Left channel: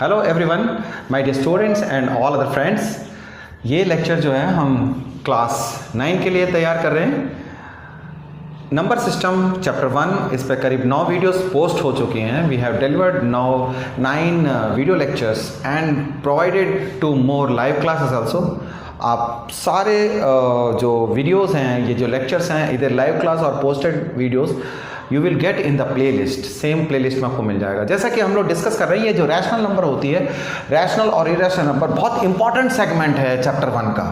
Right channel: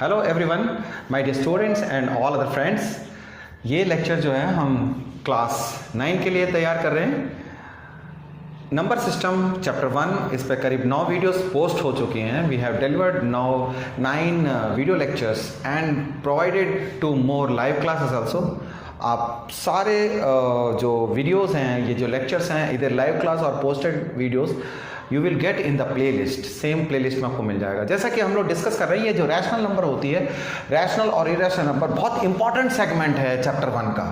Hello everyone, my dear students and all other friends. ये lecture जो है हम क्लास 9 के लिए तैयार कर रहे हैं। नंबर सिस्टम चैप्टर 1, इस पर करीब 9 वीडियोस पोस्ट हो चुकी हैं। We have delivered now 9 video lectures and provided to more live classes also. आप सारे जो वीडियोस हैं, ये जो लेक्चर्स हैं, इधर लाइव क्लास और posted videos you will get in the play list. Same play list में आपको मिल जाएगा। जैसा कि हम लोग डिस्कस कर रहे हैं, ये जो रैशनल नंबर होती है, रैशनल और इरेशनल नंबर बहुत इंपॉर्टेंट सेगमेंट है चैप्टर 1 का।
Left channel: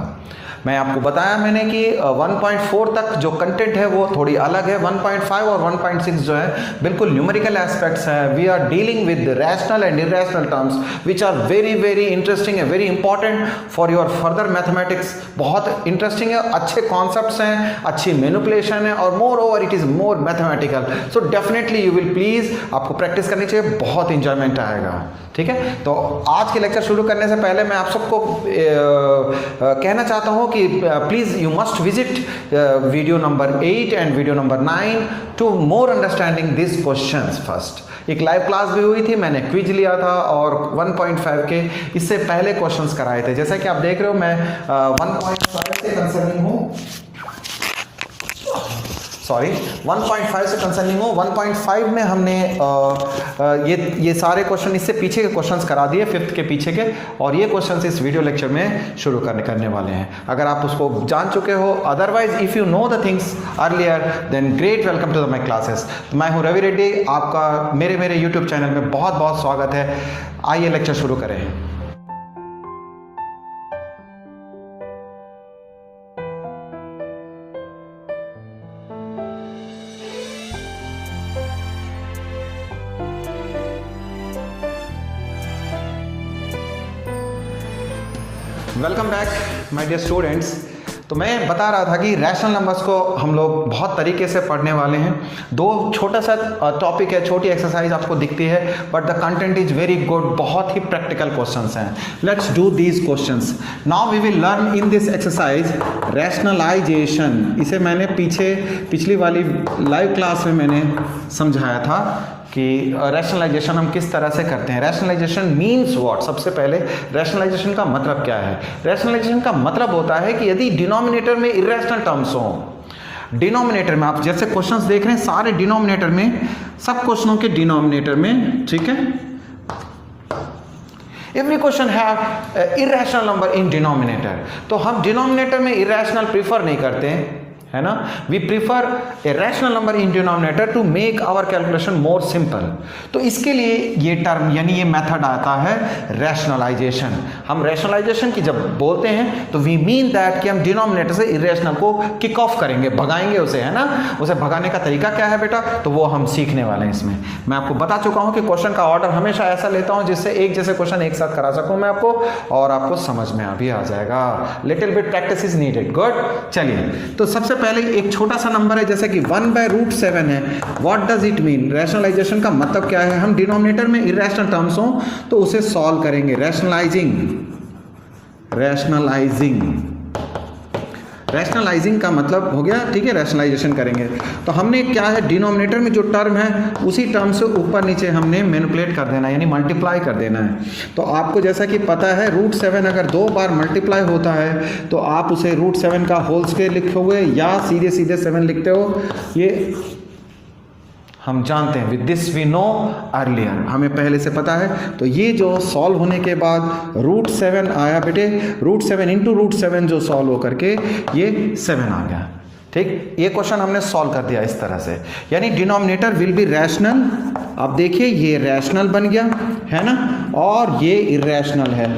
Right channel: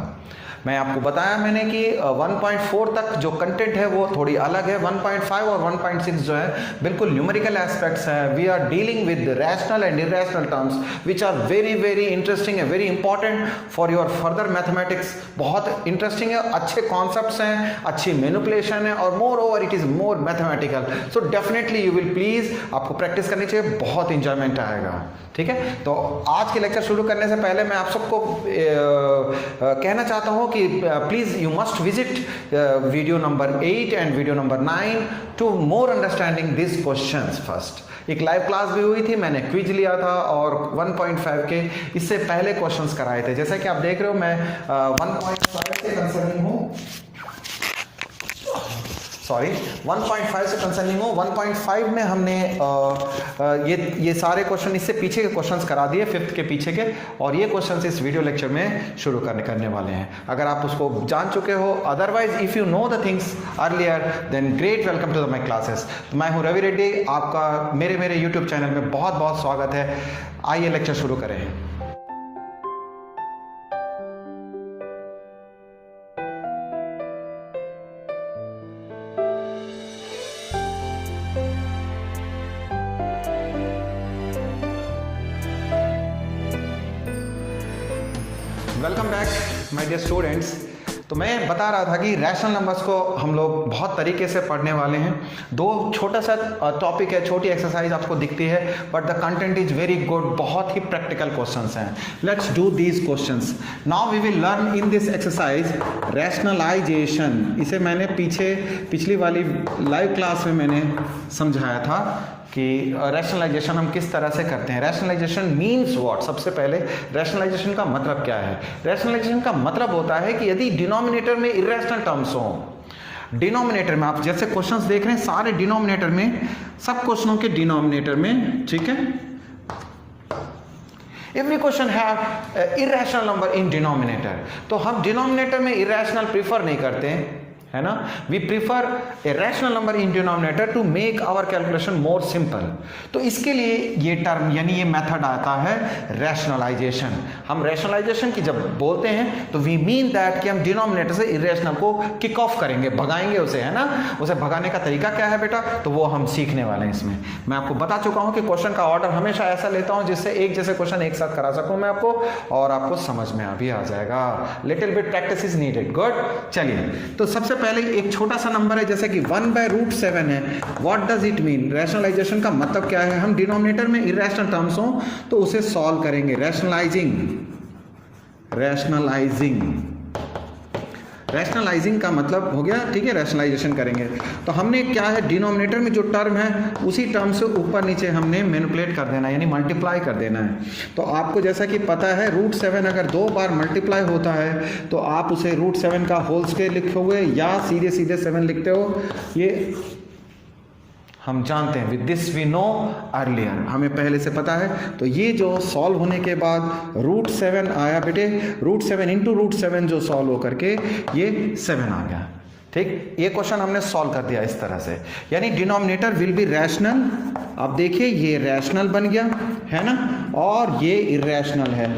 मैं आपको बताया मैंने कि 1.4 तक जो कंटेंट है वो थोड़ी अलग है। 1.5 और 1.6 जो है बिल्कुल न्यूमेरिकल एस्पेक्ट्स हैं। We are dealing with rational and irrational terms which are very very interesting and very important for your further mathematics. बहुत इंटरेस्टिंग है, अच्छे कॉन्सेप्ट्स हैं, अच्छी मैनिपुलेशन है और moreover it is more mathematical. So definitely you will please, आपको practice करनी चाहिए, बहुत इंजॉयमेंट आएगा। ठीक है, तो आज के लेक्चर शुरू करने से पहले मैं आप सबको कहना चाहता हूं कि please you must visit video number 8 and video number 9 to more understanding this questions. First एक लाइव क्लास भी हुई थी, मैंने क्विज लिया था और 1.5 के इससे पहले क्वेश्चंस कराए थे। जैसा कि आप देख रहे हो, मैं 1.5 से कंसर्निंग हूँ, सॉरी 1.5 से कंसर्निंग हूँ। 1.5 में हमने ये सारे क्वेश्चन, इससे पीछे के क्वेश्चंस करा दिए, 5th के पीछे के, और ये क्वेश्चंस इस वीडियो लेक्चर में शुरू करने वाले हैं। अगर आप उसको जान चुके हो, otherwise if you know the things earlier then great, welcome to my classes. मैं हूँ रवि रेड्डी, आपका मेरे यूट्यूब चैनल में बहुत बहुत स्वागत है। आइए लेक्चर शुरू करें। Welcome back my dear students. तो मैं बता रहा था कि रैशनल नंबर्स को हम लोग बहुत तरीके से पढ़ने वाले हैं। दो छोटा सा टॉपिक है, छोटी एक्सरसाइज आपको दिखती है, but the content is very good. बहुत ही प्रैक्टिकल क्वेश्चंस हैं। Let's do these questions. Now we will learn in this exercise rationalisation. इसे मैंने पिछली वाली लाइव क्लास में मैंने समझाया था कि रैशनलाइजेशन हम किस तरह से करते हैं। Rationalisation means what? सबसे पहले रैशनलाइजेशन का मतलब क्या है? रैशनलाइजेशन का मतलब होता है कि यदि डिनोमिनेटर में इरेशनल टर्म्स हो, डिनोमिनेटर में आप जैसे क्वेश्चंस देख रहे हैं, सारे डिनोमिनेटर में, सब क्वेश्चनों के डिनोमिनेटर में, ठीक है, every question have irrational number in denominator. तो हम डिनोमिनेटर में इरेशनल प्रीफर नहीं करते हैं, है ना। We prefer a rational number in denominator to make our calculation more simple. तो इसके लिए ये टर्म यानी ये मेथड आता है रैशनलाइजेशन। हम रैशनलाइजेशन की जब बोलते हैं तो वी मीन दैट कि हम डिनोमिनेटर से इरेशनल को किक ऑफ करेंगे, भगाएंगे उसे, है ना। उसे भगाने का तरीका क्या है बेटा, तो वो हम सीखने वाले हैं इसमें। मैं आपको बता चुका हूं कि क्वेश्चन का ऑर्डर हमेशा ऐसा लेता हूं जिससे एक जैसे क्वेश्चन एक साथ करा सकूं मैं आपको, और आपको समझ में भी आ जाएगा। Little bit practice is needed. Good, चलिए। तो सबसे पहले एक छोटा सा नंबर है जैसे कि 1/√7 है। What does it mean? Rationalisation का मतलब क्या है? हम डिनोमिनेटर में इरेशनल टर्म्स हो तो उसे सॉल्व करेंगे। रैशनलाइजिंग का मतलब हो गया, ठीक है, रैशनलाइजेशन करेंगे। तो हमने क्या है, डिनोमिनेटर में जो टर्म है उसी टर्म से ऊपर नीचे हमने मैनिपुलेट कर देना है, यानी मल्टीप्लाई कर देना है। तो आपको जैसा कि पता है, √7 अगर 2 बार मल्टीप्लाई होता है तो आप उसे √7 का होल स्क्वायर लिखोगे या सीधे 7 लिखते हो, ये हम जानते हैं। With this we know earlier, हमें पहले से पता है। तो ये जो सॉल्व होने के बाद √7 आया बेटे, √7 इंटू √7 जो सॉल्व होकर के ये 7 आ गया। ठीक, ये क्वेश्चन हमने सॉल्व कर दिया इस तरह से, यानी डिनोमिनेटर विल बी रैशनल। अब देखिए ये रैशनल बन गया, है ना, और ये इरेशनल है।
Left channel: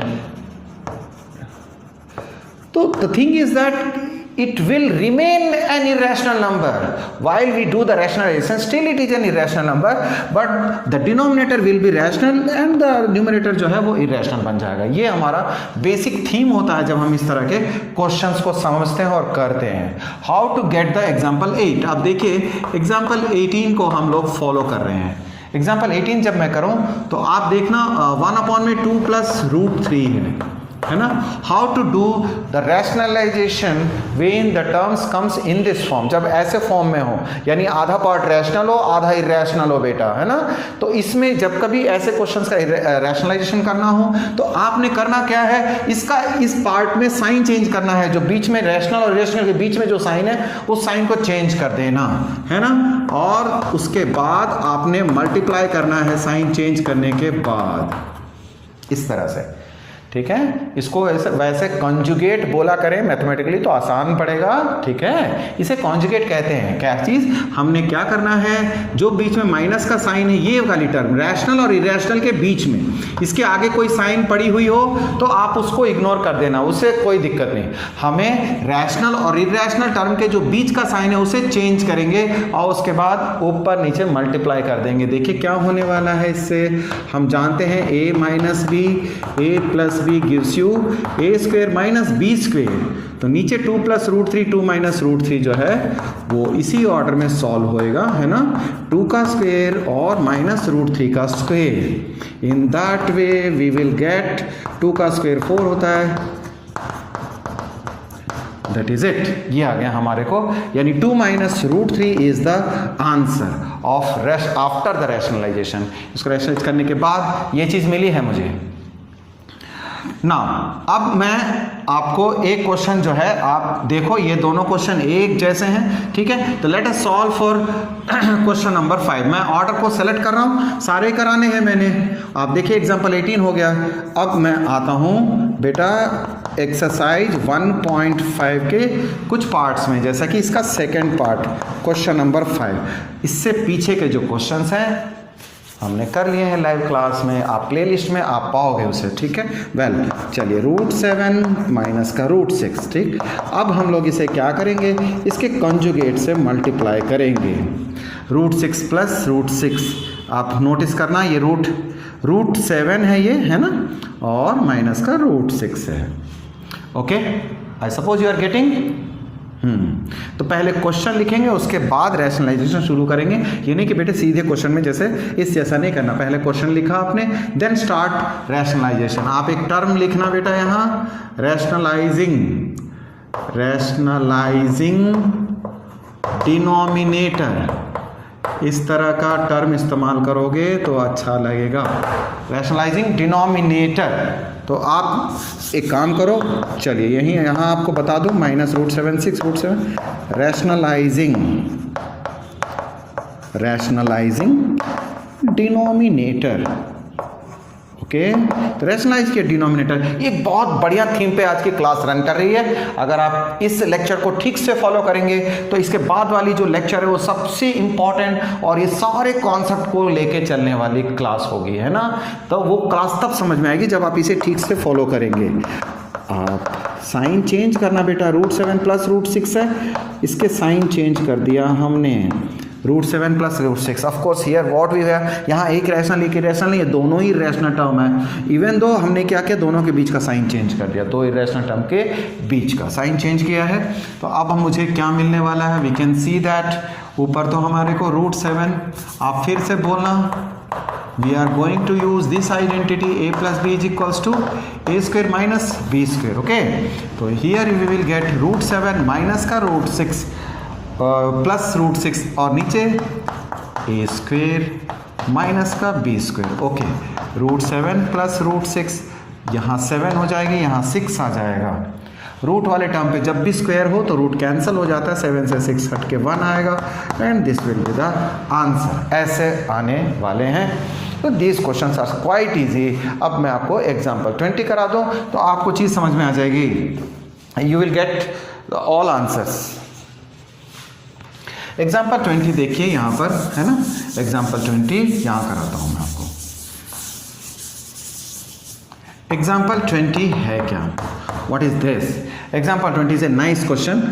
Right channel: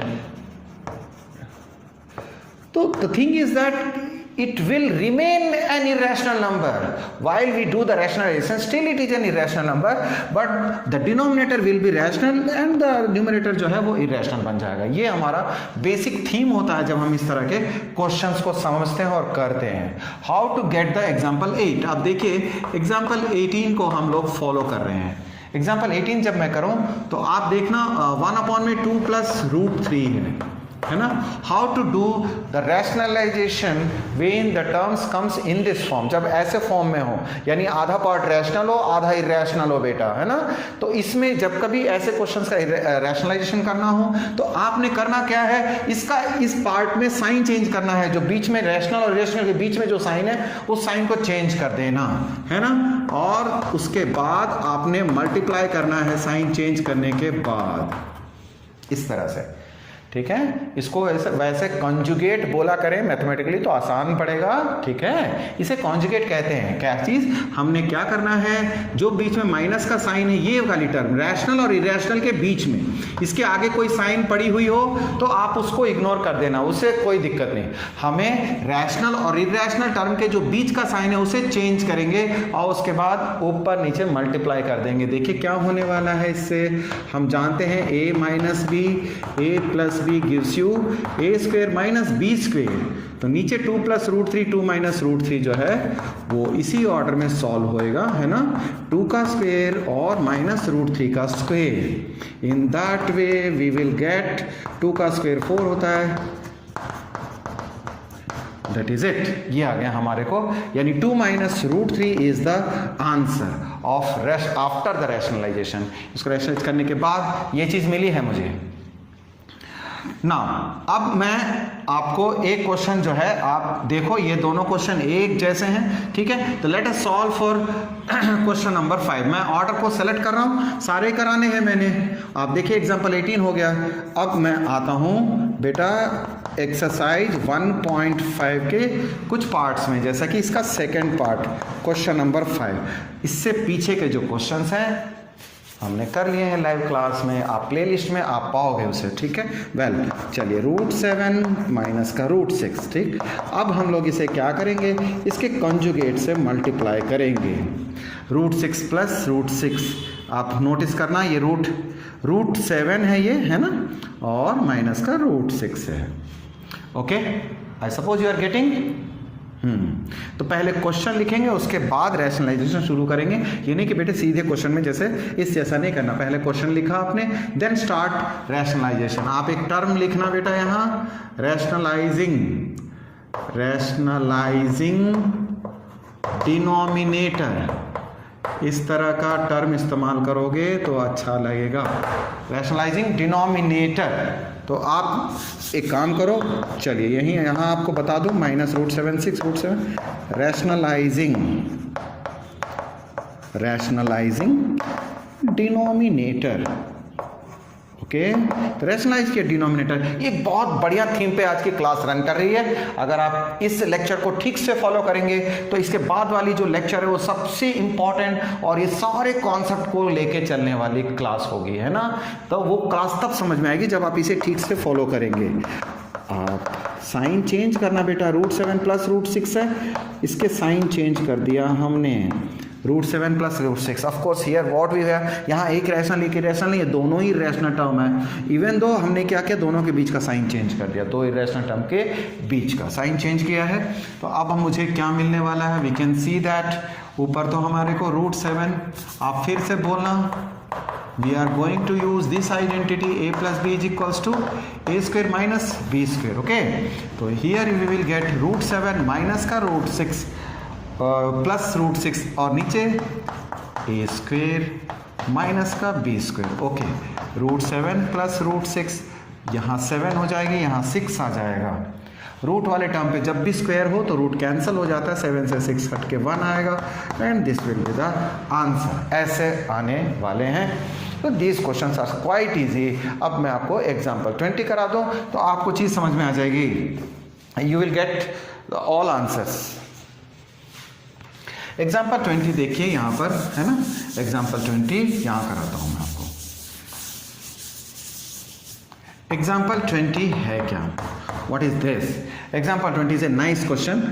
तो the thing is that it will remain an irrational number while we do the rationalization. Still it is an irrational number, but the denominator will be rational and the numerator जो है वो irrational बन जाएगा। ये हमारा basic theme होता है जब हम इस तरह के क्वेश्चंस को समझते हैं और करते हैं। How to get the example 8। अब देखिए एग्जाम्पल 18 को हम लोग फॉलो कर रहे हैं। एग्जाम्पल 18 जब मैं करूं तो आप देखना 1/2 + √3 है, है ना। How to do the rationalisation when the terms comes in this form, जब ऐसे फॉर्म में हो, यानी आधा पार्ट रैशनल हो आधा इरेशनल हो बेटा, है ना। तो इसमें जब कभी ऐसे क्वेश्चंस का रैशनलाइजेशन करना हो तो आपने करना क्या है, इसका इस पार्ट में साइन चेंज करना है, जो बीच में रैशनल और इरेशनल के बीच में जो साइन है उस साइन को चेंज कर देना, है ना। और उसके बाद आपने मल्टीप्लाई करना है साइन चेंज करने के बाद, इस तरह से, ठीक है। इसको वैसे कॉन्जुगेट बोला करें मैथमेटिकली तो आसान पड़ेगा, ठीक है। इसे कॉन्जुगेट कहते हैं। क्या चीज, हमने क्या करना है, जो बीच में माइनस का साइन है, ये वाली टर्म रैशनल और इरेशनल के बीच में, इसके आगे कोई साइन पड़ी हुई हो तो आप उसको इग्नोर कर देना, उससे कोई दिक्कत नहीं। हमें रैशनल और इरेशनल टर्म के जो बीच का साइन है उसे चेंज करेंगे और उसके बाद ऊपर नीचे मल्टीप्लाई कर देंगे। देखिए क्या होने वाला है इससे, हम जानते हैं a minus b, a plus b gives you a square minus b square. तो नीचे 2 प्लस रूट 3, 2 माइनस रूट 3 जो है वो इसी ऑर्डर में सॉल्व होएगा, है ना। 2 का स्क्वेयर और माइनस रूट 3 का square, in that way we will get 2 का स्क्वेयर 4 होता है, दैट इज इट। ये आ गया हमारे को, यानी 2 minus root 3 is the answer of after the rationalisation. इसको रैशनलाइज करने के बाद ये चीज मिली है मुझे ना। अब मैं आपको एक क्वेश्चन जो है, आप देखो ये दोनों क्वेश्चन एक जैसे हैं, ठीक है। तो let us solve for question number 5। मैं ऑर्डर को सेलेक्ट कर रहा हूं, सारे कराने हैं मैंने। आप देखिए एग्जांपल 18 हो गया। अब मैं आता हूं बेटा एक्सरसाइज 1.5 के कुछ पार्ट्स में, जैसा कि इसका सेकेंड पार्ट क्वेश्चन नंबर 5। इससे पीछे के जो क्वेश्चंस हैं हमने कर लिए हैं लाइव क्लास में, आप प्लेलिस्ट में आप पाओगे उसे, ठीक है। वेल चलिए, रूट 7 माइनस का रूट 6, ठीक। अब हम लोग इसे क्या करेंगे, इसके कंजुगेट से मल्टीप्लाई करेंगे। रूट 6 प्लस रूट 6, आप नोटिस करना ये रूट 7 है ये, है ना, और माइनस का रूट 6 है। Okay, I suppose you are getting. तो पहले क्वेश्चन लिखेंगे, उसके बाद रैशनलाइजेशन शुरू करेंगे। ये नहीं कि बेटे सीधे क्वेश्चन में जैसे इस जैसा नहीं करना, पहले क्वेश्चन लिखा आपने देन स्टार्ट रैशनलाइजेशन। आप एक टर्म लिखना बेटा यहाँ, रैशनलाइजिंग डिनोमिनेटर, इस तरह का टर्म इस्तेमाल करोगे तो अच्छा लगेगा। रैशनलाइजिंग डिनोमिनेटर, तो आप एक काम करो, चलिए यहाँ आपको बता दूं, minus root 7 6 root 7, rationalising denominator. Okay, तो रैशनलाइज के डिनोमिनेटर एक बहुत बढ़िया थीम पे आज की क्लास रन कर रही है। अगर आप इस लेक्चर को ठीक से फॉलो करेंगे तो इसके बाद वाली जो लेक्चर है वो सबसे इंपॉर्टेंट और ये सारे कॉन्सेप्ट को लेके चलने वाली क्लास होगी, है ना। तो वो क्लास तब समझ में आएगी जब आप इसे ठीक से फॉलो करेंगे। आप साइन चेंज करना बेटा, रूट 7 प्लस रूट 6 है, इसके साइन चेंज कर दिया हमने, root 7 plus root 6। Of course here what we have, यहाँ एक रैशनल एक इरेशनल नहीं है, दोनों ही रैशनल टर्म है। इवन दो हमने क्या किया, दोनों के बीच का साइन चेंज कर दिया, दो इरेशनल टर्म के बीच का साइन चेंज किया है। तो अब मुझे क्या मिलने वाला है, वी कैन सी दैट ऊपर तो हमारे को रूट 7, आप फिर से बोलना, we are going to use this identity, a plus B is equals to a square minus B square. Okay, तो here we will get root 7 minus का रूट 6 प्लस रूट 6 और नीचे a स्क्वेयर माइनस का b square. ओके, root 7 plus root 6, यहाँ 7 हो जाएगी, यहाँ 6 आ जाएगा। रूट वाले टर्म पे जब भी स्क्वायर हो तो रूट कैंसिल हो जाता है, 7 से 6 हट के 1 आएगा and this will be the answer. ऐसे आने वाले हैं। तो these questions are quite easy. अब मैं आपको एग्जाम्पल 20 करा दूं तो आपको चीज़ समझ में आ जाएगी, you will get all answers. Example 20 देखिए यहाँ पर, है ना, एग्जाम्पल 20 यहाँ कराता हूँ मैं आपको। एग्जाम्पल 20 है क्या, what is this? Example 20 is a nice question.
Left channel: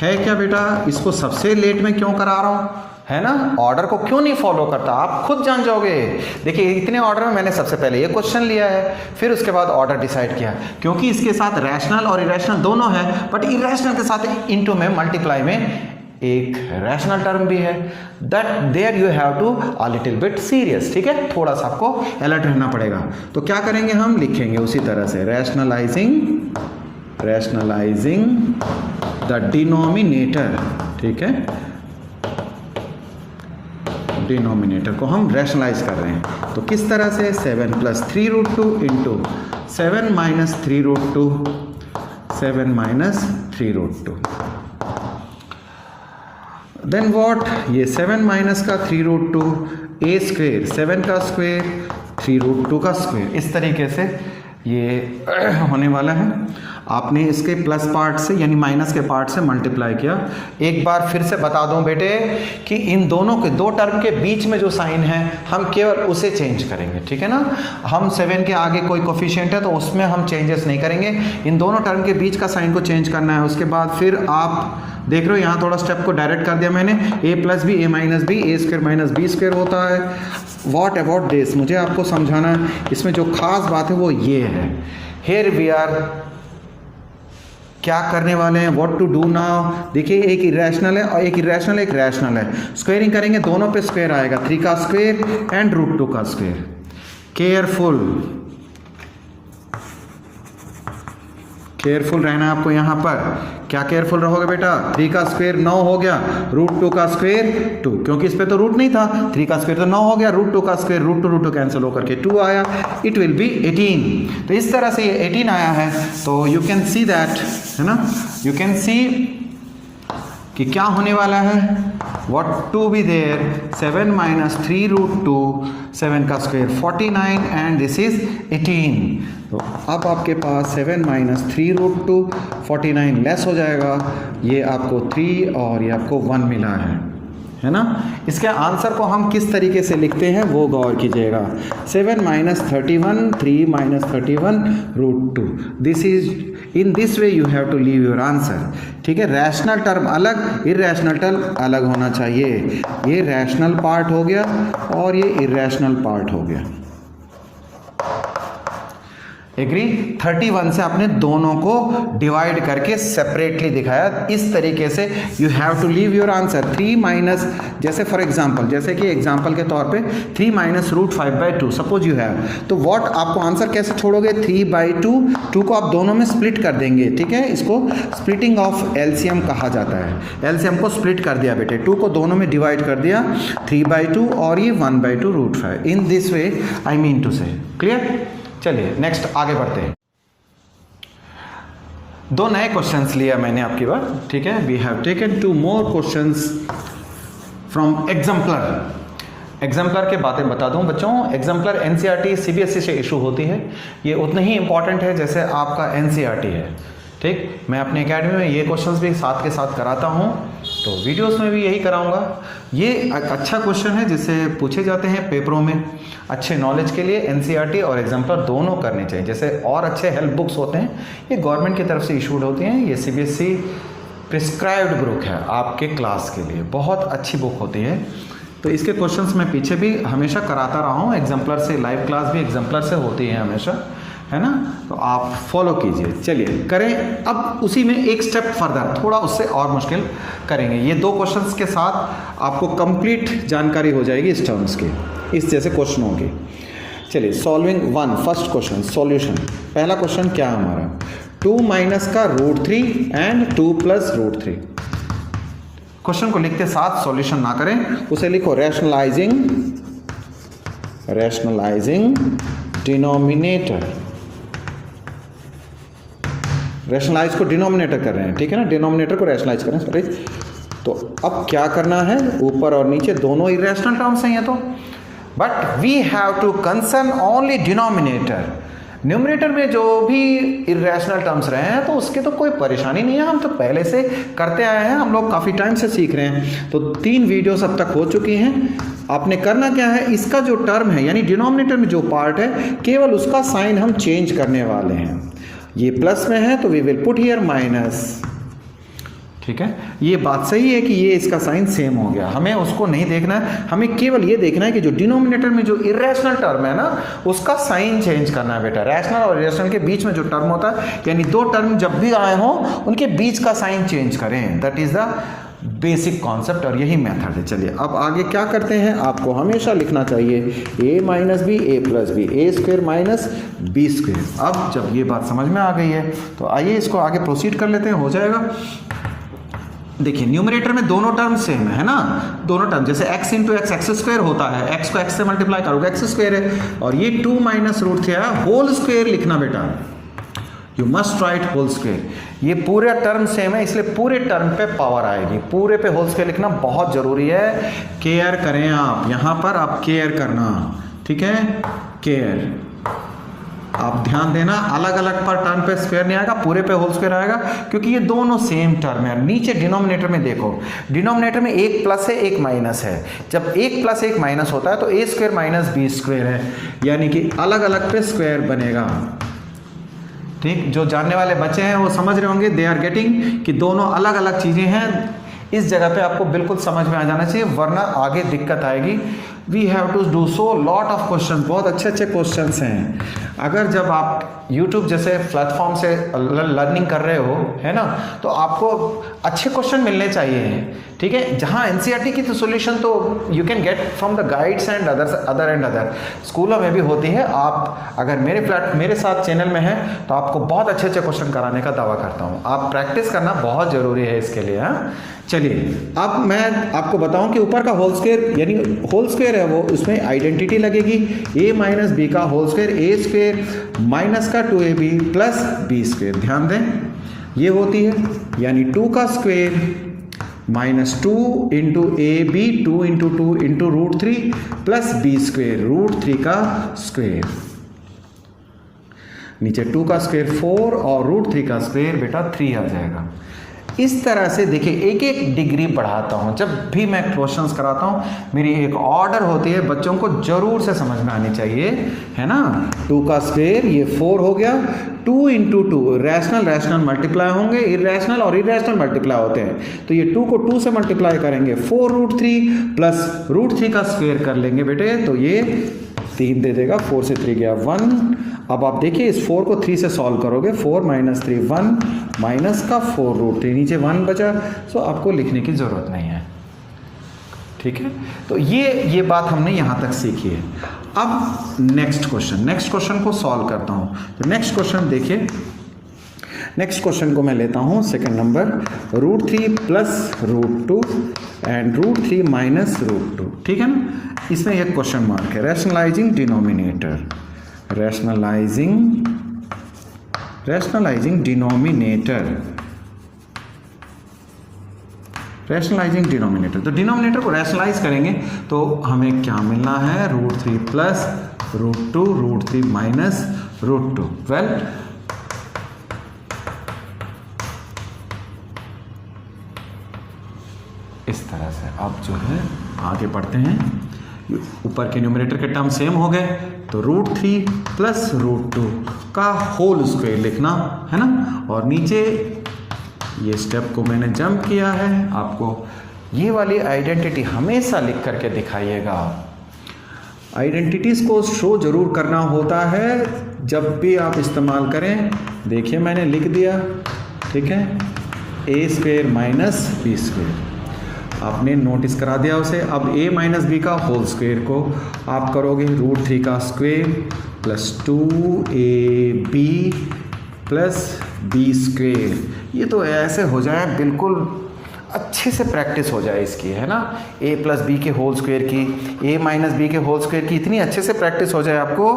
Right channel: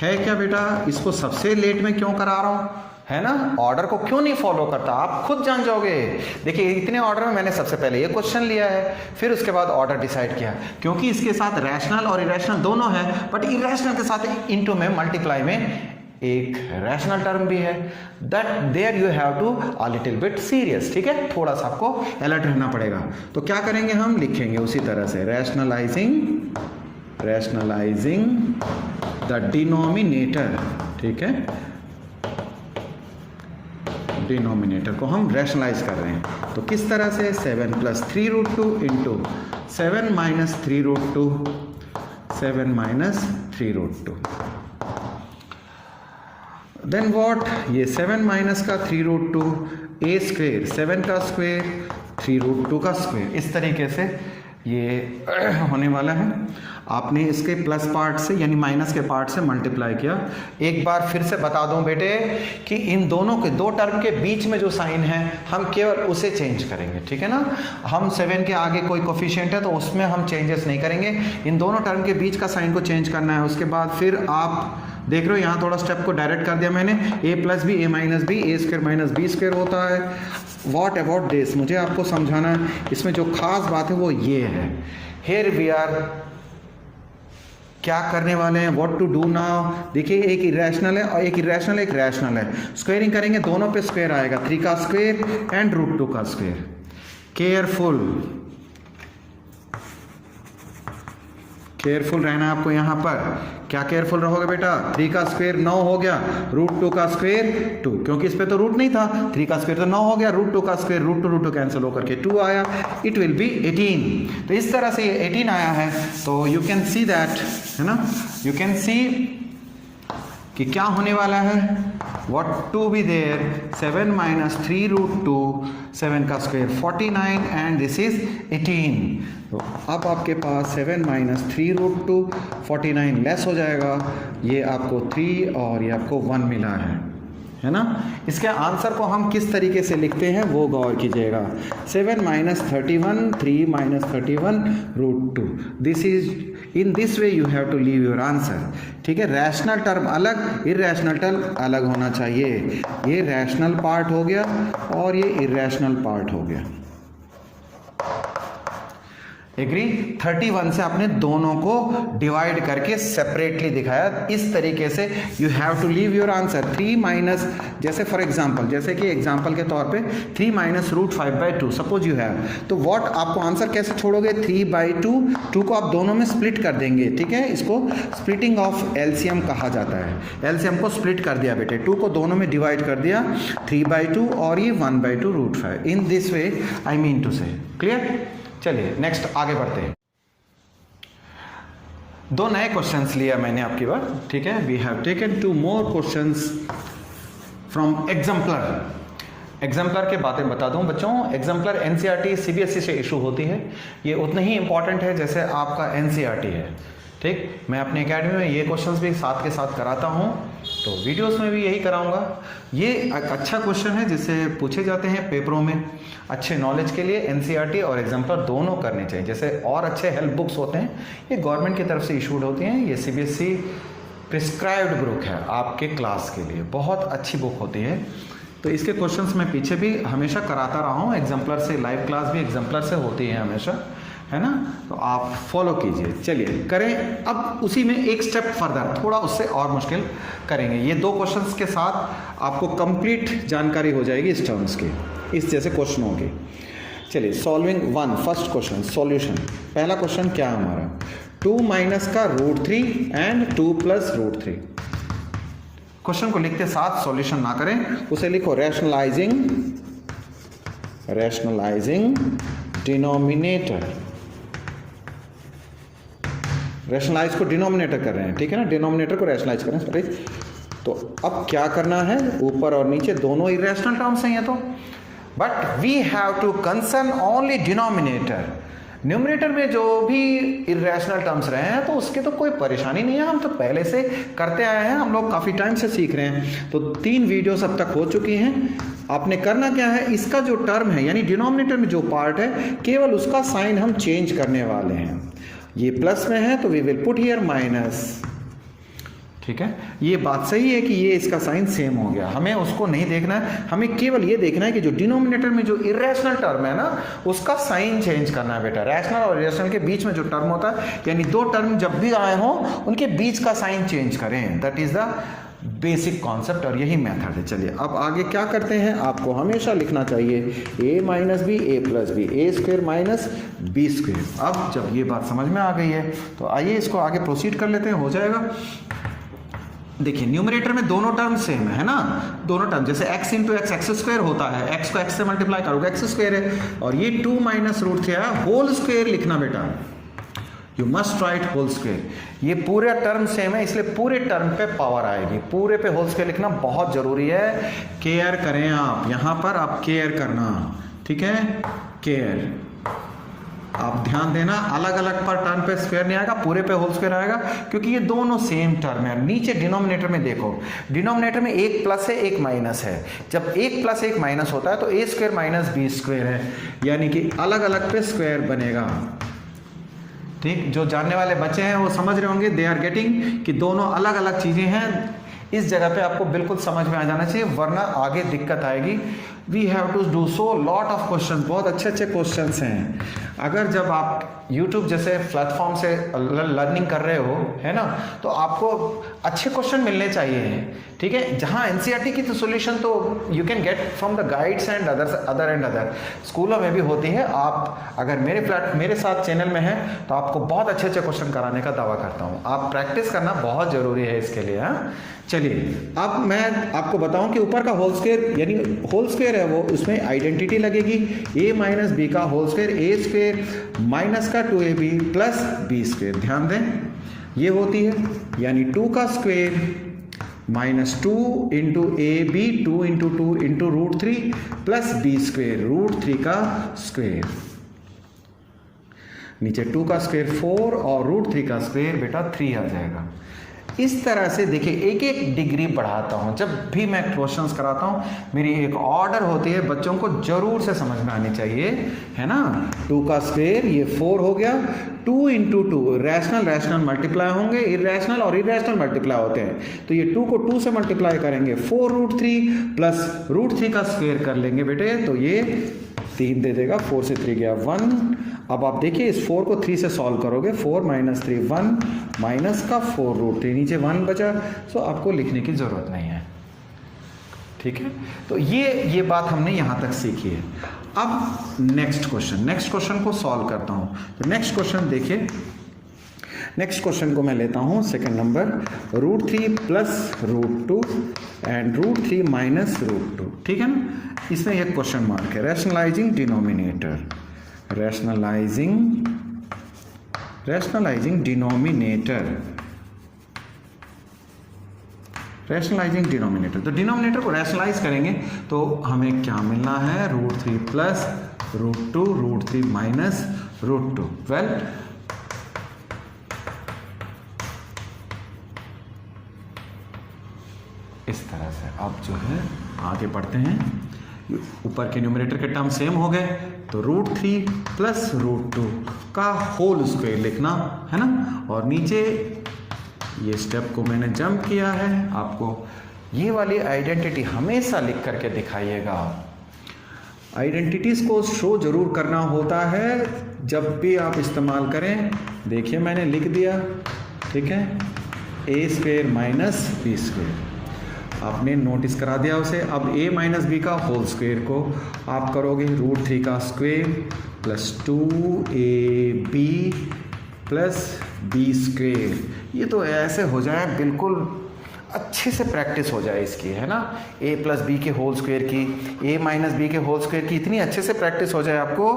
है क्या बेटा, इसको सबसे लेट में क्यों करा रहा हूँ, है ना, ऑर्डर को क्यों नहीं फॉलो करता, आप खुद जान जाओगे। देखिए इतने ऑर्डर में मैंने सबसे पहले ये क्वेश्चन लिया है, फिर उसके बाद ऑर्डर डिसाइड किया, क्योंकि इसके साथ रैशनल और इरेशनल दोनों है, बट इरेशनल के साथ इनटू में मल्टीप्लाई में एक रैशनल टर्म भी है, that there you have to a little bit serious, ठीक है, थोड़ा सा आपको अलर्ट रहना पड़ेगा। तो क्या करेंगे, हम लिखेंगे उसी तरह से रैशनलाइजिंग द डिनोमिनेटर, ठीक है, डिनोमिनेटर को हम रैशनलाइज कर रहे हैं। तो किस तरह से, 7 + 3√2 इंटू 7 - 3√2, 7 - 3√2, देन व्हाट, ये 7 - का 3√2, a स्क्वेयर 7 का स्क्वेयर 3√2 का स्क्वेयर, इस तरीके से ये होने वाला है। आपने इसके प्लस पार्ट से यानी माइनस के पार्ट से मल्टीप्लाई किया। एक बार फिर से बता दूं बेटे कि इन दोनों के दो टर्म के बीच में जो साइन है हम केवल उसे चेंज करेंगे, ठीक है ना। हम 7 के आगे कोई कोफिशिएंट है तो उसमें हम चेंजेस नहीं करेंगे, इन दोनों टर्म के बीच का साइन को चेंज करना है। उसके बाद फिर आप देख रहे हो यहाँ थोड़ा स्टेप को डायरेक्ट कर दिया मैंने, a + b, a - b, a² - b² होता है। व्हाट अबाउट दिस, मुझे आपको समझाना है, इसमें जो खास बात है वो ये है, हियर वी आर क्या करने वाले हैं, व्हाट टू डू नाउ। देखिए एक इरेशनल है और एक इरेशनल एक रैशनल है, स्क्वायरिंग करेंगे दोनों पे स्क्वायर आएगा, 3 का स्क्वायर एंड √2 का स्क्वायर। केयरफुल रहना है आपको यहाँ पर। क्या केयरफुल रहोगे बेटा, 3 का स्क्वायर 9 हो गया, √2 का स्क्वायर 2, क्योंकि इस पे तो रूट नहीं था, 3 का स्क्वायर तो 9 हो गया, √2 का स्क्वायर √2 कैंसिल होकर के 2 आया, इट विल बी 18। तो इस तरह से ये 18 आया है। तो यू कैन सी दैट, है ना, यू कैन सी कि क्या होने वाला है, व्हाट टू बी देयर, 7 - 3√2, 7 का स्क्वायर 49 एंड दिस इज 18। तो अब आपके पास 7 - 3√2, 49 लेस हो जाएगा, ये आपको 3 और ये आपको 1 मिला है ना। इसके आंसर को हम किस तरीके से लिखते हैं वो गौर कीजिएगा, 7 - 31, 3 - 31 √2, this is in this way you have to leave your answer, ठीक है। रैशनल टर्म अलग, इरेशनल टर्म अलग होना चाहिए। ये रैशनल पार्ट हो गया और ये इरेशनल पार्ट हो गया, एग्री। 31 से आपने दोनों को डिवाइड करके सेपरेटली दिखाया, इस तरीके से you have to leave your answer. 3 जैसे फॉर एग्जांपल, जैसे कि एग्जांपल के तौर पे 3 - √5/2 सपोज यू हैव, तो व्हाट आपको आंसर कैसे छोड़ोगे, 3/2, 2 को आप दोनों में स्प्लिट कर देंगे, ठीक है। इसको स्प्लिटिंग ऑफ एलसीएम कहा जाता है। एलसीएम को स्प्लिट कर दिया बेटे, 2 को दोनों में डिवाइड कर दिया, 3/2 और ये 1/2 √5, in this way I mean to say, clear. चलिए नेक्स्ट आगे बढ़ते हैं। 2 नए क्वेश्चंस लिया मैंने आपकी बार, ठीक है। We have taken 2 more questions from exemplar के बातें बता दूं बच्चों, एग्जाम्पलर एनसीईआरटी सीबीएसई से इशू होती है, ये उतनी ही इंपॉर्टेंट है जैसे आपका एनसीईआरटी है, ठीक। मैं अपनी एकेडमी में ये क्वेश्चंस भी साथ के साथ कराता हूं, तो वीडियोस में भी यही कराऊंगा। ये एक अच्छा क्वेश्चन है जिससे पूछे जाते हैं पेपरों में, अच्छे नॉलेज के लिए एनसीईआरटी और एग्जाम्पलर दोनों करने चाहिए। जैसे और अच्छे हेल्प बुक्स होते हैं, ये गवर्नमेंट की तरफ से इशूड होती हैं, ये सीबीएसई प्रिस्क्राइब्ड बुक है आपके क्लास के लिए, बहुत अच्छी बुक होती है। तो इसके क्वेश्चंस मैं पीछे भी हमेशा कराता रहा हूँ, एग्जाम्पलर से लाइव क्लास भी एग्जाम्पलर से होती है हमेशा, है ना, तो आप फॉलो कीजिए। चलिए करें अब उसी में एक स्टेप फर्दर, थोड़ा उससे और मुश्किल करेंगे। ये 2 क्वेश्चंस के साथ आपको कंप्लीट जानकारी हो जाएगी इस टर्म्स की, इस जैसे क्वेश्चनों की। चलिए सॉल्विंग 1, फर्स्ट क्वेश्चन सॉल्यूशन। पहला क्वेश्चन क्या है हमारा, 2 - का √3 एंड 2 + √3। क्वेश्चन को लिखते साथ सॉल्यूशन ना करें, उसे लिखो रैशनलाइजिंग डिनोमिनेटर। रैशनलाइज को डिनोमिनेटर कर रहे हैं, ठीक है ना, डिनोमिनेटर को रैशनलाइज करें, सॉरी। तो अब क्या करना है, ऊपर और नीचे दोनों इरेशनल टर्म्स हैं ये तो, but we have to concern only denominator. Numerator में जो भी इरेशनल टर्म्स रहे हैं तो उसकी तो कोई परेशानी नहीं है, हम तो पहले से करते आए हैं, हम लोग काफ़ी टाइम से सीख रहे हैं। तो 3 वीडियोस अब तक हो चुकी हैं। आपने करना क्या है, इसका जो टर्म है यानी डिनोमिनेटर में जो पार्ट है केवल उसका साइन हम चेंज करने वाले हैं। ये प्लस में है तो we will put here minus, ठीक है। ये बात सही है कि ये इसका साइन सेम हो गया, हमें उसको नहीं देखना है, हमें केवल ये देखना है कि जो डिनोमिनेटर में जो इरेशनल टर्म है ना उसका साइन चेंज करना है बेटा। रैशनल और इरेशनल के बीच में जो टर्म होता है यानी 2 टर्म जब भी आए हों उनके बीच का साइन चेंज करें, that is the basic concept और यही मेथड है। चलिए अब आगे क्या करते हैं, आपको हमेशा लिखना चाहिए a minus b a plus b, a square minus b square. अब जब ये बात समझ में आ गई है तो आइए इसको आगे प्रोसीड कर लेते हैं, हो जाएगा। देखिए न्यूमरेटर में दोनों टर्म सेम है ना, दोनों टर्म जैसे x into x x square होता है, x को x से मल्टीप्लाई करोगे एक्स स्क्वायर है, और ये 2 माइनस रूट थ्री है, होल स्क्वायर लिखना बेटा, you must write whole square. ये पूरे टर्म सेम है इसलिए पूरे टर्म पे पावर आएगी, पूरे पे होल स्क्वायर लिखना बहुत जरूरी है। केयर करें आप, यहां पर आप केयर करना, ठीक है, केयर आप ध्यान देना, अलग अलग पर टर्म पे स्क्वायर नहीं आएगा, पूरे पे होल स्क्वायर आएगा, क्योंकि ये दोनों सेम टर्म है। नीचे डिनोमिनेटर में देखो, डिनोमिनेटर में एक प्लस है एक माइनस है, जब एक प्लस एक माइनस होता है तो ए स्क्वायर माइनस बी स्क्वायर है, यानी कि अलग अलग पे स्क्वायर बनेगा। ठीक, जो जानने वाले बच्चे हैं वो समझ रहे होंगे, दे आर गेटिंग कि दोनों अलग अलग चीजें हैं। इस जगह पे आपको बिल्कुल समझ में आ जाना चाहिए, वरना आगे दिक्कत आएगी। We have to do so lot of question, बहुत अच्छे अच्छे क्वेश्चन हैं। अगर जब आप YouTube जैसे प्लेटफॉर्म से लर्निंग कर रहे हो, है ना, तो आपको अच्छे क्वेश्चन मिलने चाहिए, ठीक है। जहाँ NCERT की तो सॉल्यूशन तो you can get from the guides and other स्कूलों में भी होती है। आप अगर मेरे साथ चैनल में हैं तो आपको बहुत अच्छे अच्छे क्वेश्चन कराने का दावा करता हूँ। आप प्रैक्टिस करना बहुत जरूरी है इसके लिए। हाँ चलिए अब मैं आपको बताऊं कि ऊपर का होल स्क्वायर यानी होल स्क्वायर है वो, उसमें आइडेंटिटी लगेगी a माइनस बी का होल स्क्वायर, ए स्क्वायर माइनस का 2ab प्लस बी स्क्वायर। ध्यान दें ये होती है, यानी 2 का square minus 2 into a b, 2 into 2 into root 3 plus b square, root 3 का स्क्वायर। नीचे 2 का स्क्वायर 4 और रूट 3 का स्क्वायर बेटा 3 आ जाएगा। इस तरह से देखिए एक एक डिग्री बढ़ाता हूं। जब भी मैं क्वेश्चंस कराता हूं मेरी एक ऑर्डर होती है, बच्चों को जरूर से समझ में आनी चाहिए, है ना। 2 का स्क्वायर ये 4 हो गया, 2 इंटू 2 रैशनल मल्टीप्लाई होंगे, इरेशनल और इरेशनल मल्टीप्लाई होते हैं, तो ये 2 को 2 से मल्टीप्लाई करेंगे, 4 रूट 3 प्लस रूट 3 का स्क्वायर कर लेंगे बेटे, तो ये 3 दे देगा, 4 से 3 गया 1। अब आप देखिए इस 4 को 3 से सॉल्व करोगे, 4 माइनस 3 1 माइनस का 4 रूट 3, नीचे 1 बचा, सो आपको लिखने की जरूरत नहीं है, ठीक है। तो ये बात हमने यहां तक सीखी है। अब नेक्स्ट क्वेश्चन को सॉल्व करता हूं। तो नेक्स्ट क्वेश्चन देखिए, नेक्स्ट क्वेश्चन को मैं लेता हूं second number, root 3 plus root 2 and root 3 minus root 2, ठीक है ना। इसमें एक क्वेश्चन मार्क है, रैशनलाइजिंग डिनोमिनेटर, रैशनलाइजिंग डिनोमिनेटर। तो डिनोमिनेटर को रैशनलाइज करेंगे तो हमें क्या मिलना है, root 3 plus root 2, root 3 minus root 2। Well इस तरह से अब जो है आगे बढ़ते हैं। ऊपर के न्यूमरेटर के टर्म सेम हो गए, तो रूट 3 प्लस रूट 2 का होल स्क्वायर लिखना है ना, और नीचे ये स्टेप को मैंने जंप किया है। आपको ये वाली आइडेंटिटी हमेशा लिख करके दिखाइएगा। आइडेंटिटीज को शो जरूर करना होता है जब भी आप इस्तेमाल करें। देखिए मैंने लिख दिया, ठीक है, a square minus B square, आपने नोटिस करा दिया उसे। अब a माइनस बी का होल स्क्वायर को आप करोगे, रूट 3 का square plus 2ab plus b square. ये तो ऐसे हो जाए, बिल्कुल अच्छे से प्रैक्टिस हो जाए इसकी, है ना। a प्लस बी के होल स्क्वायर की, a माइनस बी के होल स्क्वायर की इतनी अच्छे से प्रैक्टिस हो जाए आपको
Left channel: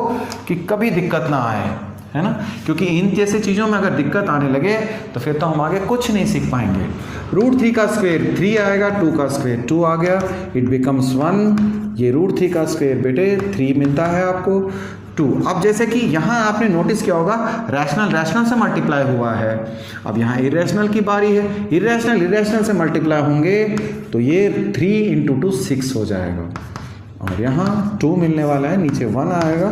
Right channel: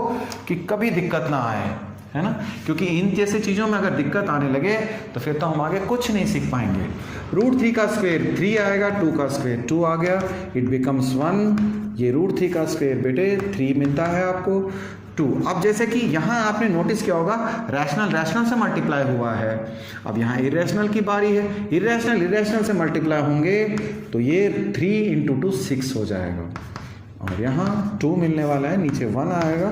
कि कभी दिक्कत ना आए, है ना। क्योंकि इन जैसे चीज़ों में अगर दिक्कत आने लगे तो फिर तो हम आगे कुछ नहीं सीख पाएंगे। रूट 3 का स्क्वायर 3 आएगा, 2 का स्क्वायर 2 आ गया, इट बिकम्स 1। ये रूट 3 का स्क्वायर बेटे 3 मिलता है आपको 2। अब जैसे कि यहाँ आपने नोटिस किया होगा रैशनल से मल्टीप्लाई हुआ है, अब यहाँ इरेशनल की बारी है। इरेशनल से मल्टीप्लाई होंगे तो ये 3 इंटू 2 6 हो जाएगा, और यहाँ 2 मिलने वाला है, नीचे 1 आएगा।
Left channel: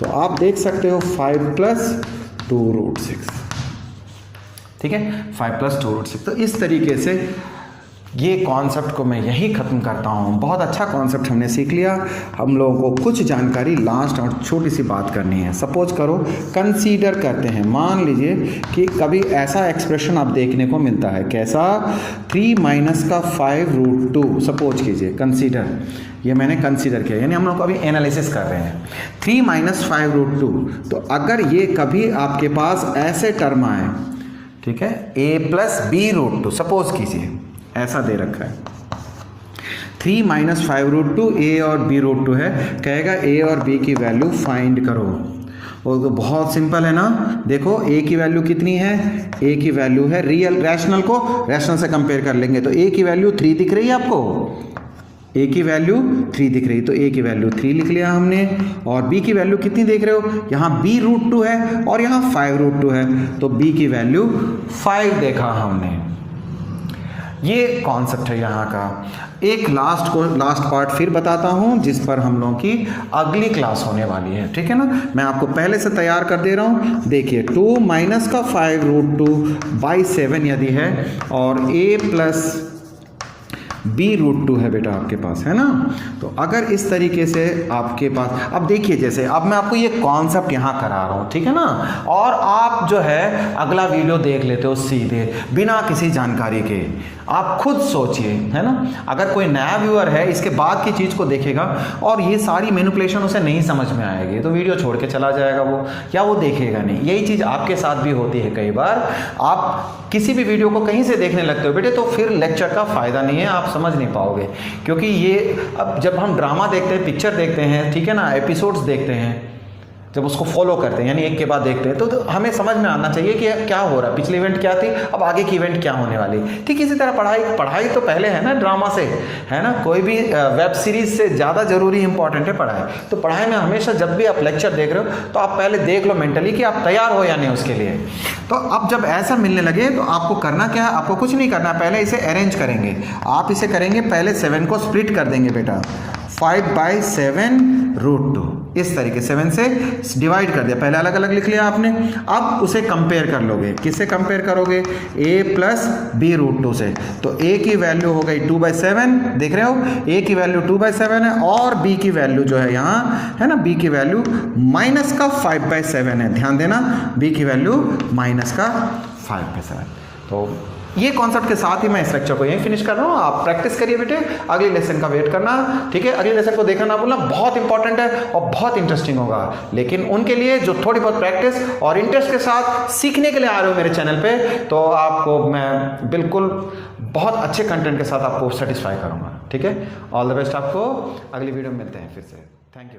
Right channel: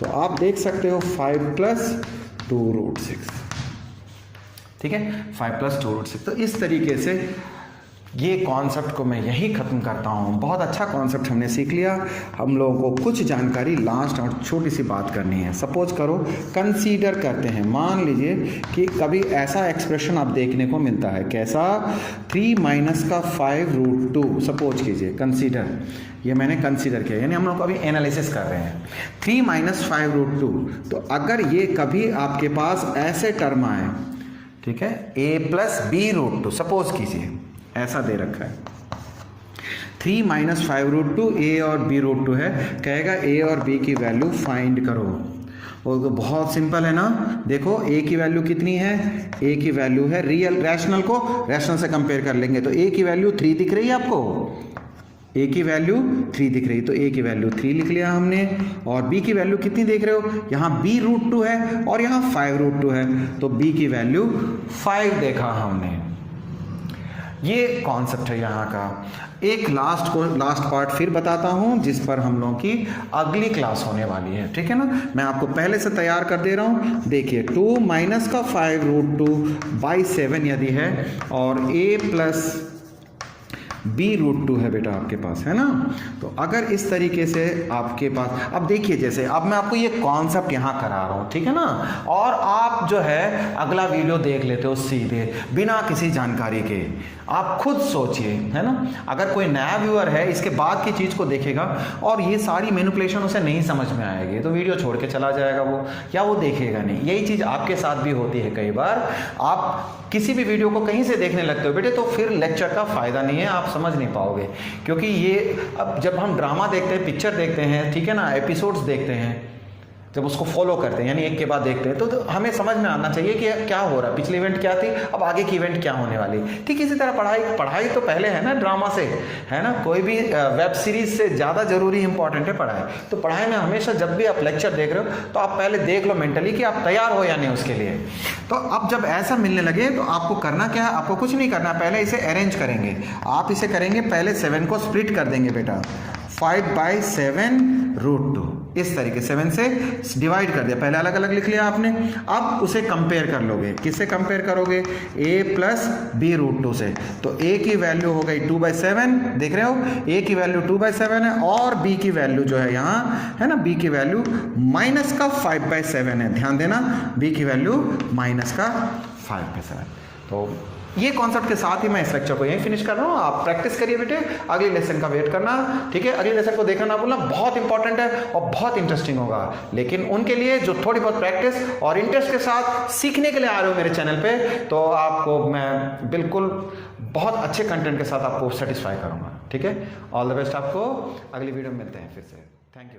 तो आप देख सकते हो 5 प्लस 2 रूट 6, ठीक है, 5 प्लस 2 रूट 6। तो इस तरीके से ये कॉन्सेप्ट को मैं यही ख़त्म करता हूँ। बहुत अच्छा कॉन्सेप्ट हमने सीख लिया। हम लोगों को कुछ जानकारी लास्ट और छोटी सी बात करनी है। सपोज करो, कंसीडर करते हैं, मान लीजिए कि कभी ऐसा एक्सप्रेशन आप देखने को मिलता है, कैसा, 3 माइनस का 5√2। सपोज कीजिए, कंसीडर, ये मैंने कंसीडर किया, यानी हम लोग अभी एनालिसिस कर रहे हैं। 3 माइनस 5√2, तो अगर ये कभी आपके पास ऐसे टर्म आए, ठीक है, a प्लस b√2, सपोज कीजिए ऐसा दे रखा है, 3 माइनस 5√2 a और b√2 है, कहेगा a और b की वैल्यू फाइंड करो। और तो बहुत सिंपल है ना, देखो a की वैल्यू कितनी है, a की वैल्यू है, रियल रैशनल को रैशनल से कंपेयर कर लेंगे, तो a की वैल्यू 3 दिख रही है आपको, a की वैल्यू 3 दिख रही है, तो a की वैल्यू 3 लिख लिया हमने। और b की वैल्यू कितनी देख रहे हो, यहाँ b√2 है और यहाँ 5√2 है, तो b की वैल्यू 5 देखा हमने। ये कॉन्सेप्ट है यहाँ का। एक लास्ट पार्ट फिर बताता हूँ, जिस पर हम लोगों की अगली क्लास होने वाली है, ठीक है ना। मैं आपको पहले से तैयार कर दे रहा हूँ। देखिए, 2 माइनस का 5√2/7 यदि है और a प्लस b√2 है बेटा आपके पास, है ना। तो अगर इस तरीके से आपके पास, अब देखिए, जैसे अब मैं आपको ये कॉन्सेप्ट यहाँ करा रहा हूँ, ठीक है ना, और आप जो है अगला वीडियो देख लेते हो सीधे बिना किसी जानकारी के। आप खुद सोचिए, है ना, अगर कोई नया व्यूअर है इसके बाद की चीज़ को देखेगा और ये सारी मैनिपुलेशन उसे नहीं समझ में आएगी, तो वीडियो छोड़ के चला जाएगा वो, या वो देखेगा नहीं। यही चीज़ आपके साथ भी होती है कई बार। आप किसी भी वीडियो को कहीं से देखने लगते हो बेटे, तो फिर लेक्चर का फ़ायदा नहीं है, आप समझ नहीं पाओगे। क्योंकि ये अब जब हम ड्रामा देखते हैं, पिक्चर देखते हैं, ठीक है ना, एपिसोड्स देखते हैं, जब उसको फॉलो करते हैं, यानी एक के बाद देखते हैं, तो हमें समझ में आना चाहिए कि क्या हो रहा है, पिछली इवेंट क्या थी, अब आगे की इवेंट क्या होने वाली। ठीक इसी तरह पढ़ाई तो पहले है ना, ड्रामा से, है ना, कोई भी वेब सीरीज से ज़्यादा जरूरी इंपॉर्टेंट है पढ़ाई। तो पढ़ाई में हमेशा जब भी आप लेक्चर देख रहे हो तो आप पहले देख लो मेंटली कि आप तैयार हो या नहीं उसके लिए। तो अब जब ऐसा मिलने लगे तो आपको करना क्या है, आपको कुछ नहीं करना, पहले इसे अरेंज करेंगे। आप इसे करेंगे, पहले 7 को स्प्लिट कर देंगे बेटा, 5/7√2, इस तरीके 7 से डिवाइड कर दिया, पहले अलग अलग लिख लिया आपने। अब उसे कंपेयर कर लोगे, किससे कंपेयर करोगे, a प्लस b√2 से। तो a की वैल्यू हो गई 2/7, देख रहे हो, a की वैल्यू 2/7 है, और b की वैल्यू जो है यहाँ, है ना, b की वैल्यू माइनस का 5/7 है, ध्यान देना, b की वैल्यू माइनस का 5/7। तो ये कॉन्सेप्ट के साथ ही मैं इस लेक्चर को यहीं फिनिश कर रहा हूँ। आप प्रैक्टिस करिए बेटे, अगले लेसन का वेट करना, ठीक है। अगले लेसन को देखना ना भूलना, बहुत इंपॉर्टेंट है और बहुत इंटरेस्टिंग होगा। लेकिन उनके लिए जो थोड़ी बहुत प्रैक्टिस और इंटरेस्ट के साथ सीखने के लिए आ रहे हो मेरे चैनल पे, तो आपको मैं बिल्कुल बहुत अच्छे कंटेंट के साथ आपको सेटिस्फाई करूँगा, ठीक है। ऑल द बेस्ट, आपको अगली वीडियो में मिलते हैं फिर से। Thank you.